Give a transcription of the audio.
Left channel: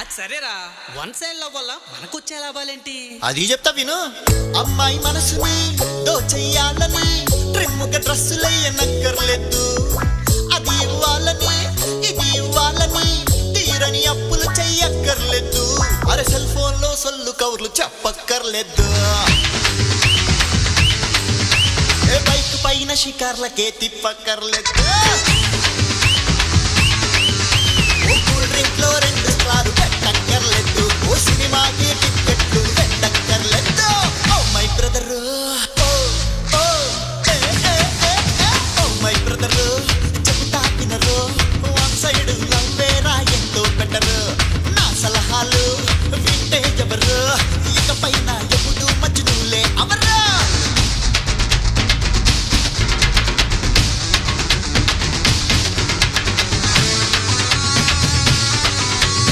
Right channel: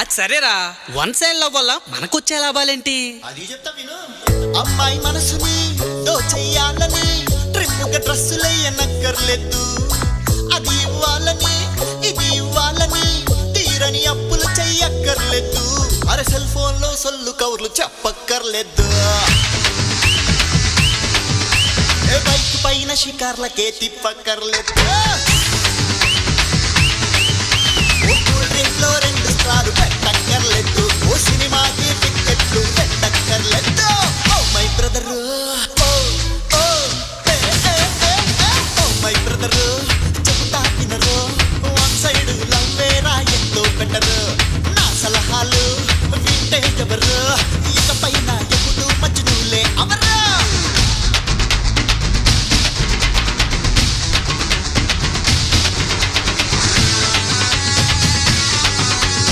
అది సరేరా, one side love వల్ల మనకొచ్చే లాభాలేంటి? అది చెప్తా విను. అమ్మాయి మనసుని దోచెయ్యాలని ట్రిమ్ముగా డ్రెస్సులయ్యనక్కర్లేదు. అది ఇవ్వాలని ఇది ఇవ్వాలని తీరని అప్పులు చెయ్యక్కర్లేదు. అరే సెల్ ఫోన్ లో సొల్లు కవర్లు చెప్పక్కర్లేదు. ఏ బైక్ పైన షికార్లకే తిప్పక్కర్లేదు. ఓ కూల్ డ్రింక్ లో 2 స్టార్లు పెట్టక్కర్లేదు. ఓ సినిమాకి టిక్కెట్లు పెట్టక్కర్లేదు. ఓ మై బ్రదర్, ఓ ఓ ఏ ఏ ఏ ఏ ఓ మై బ్రదర్, చెబుతా వినరు. వన్ సైడ్ లవ్వేరా ఎంతో బెటరు. నా సలహాలు వింటే ఎవరు? ఇకపైన ఎప్పుడు మజ్నులే అవరు.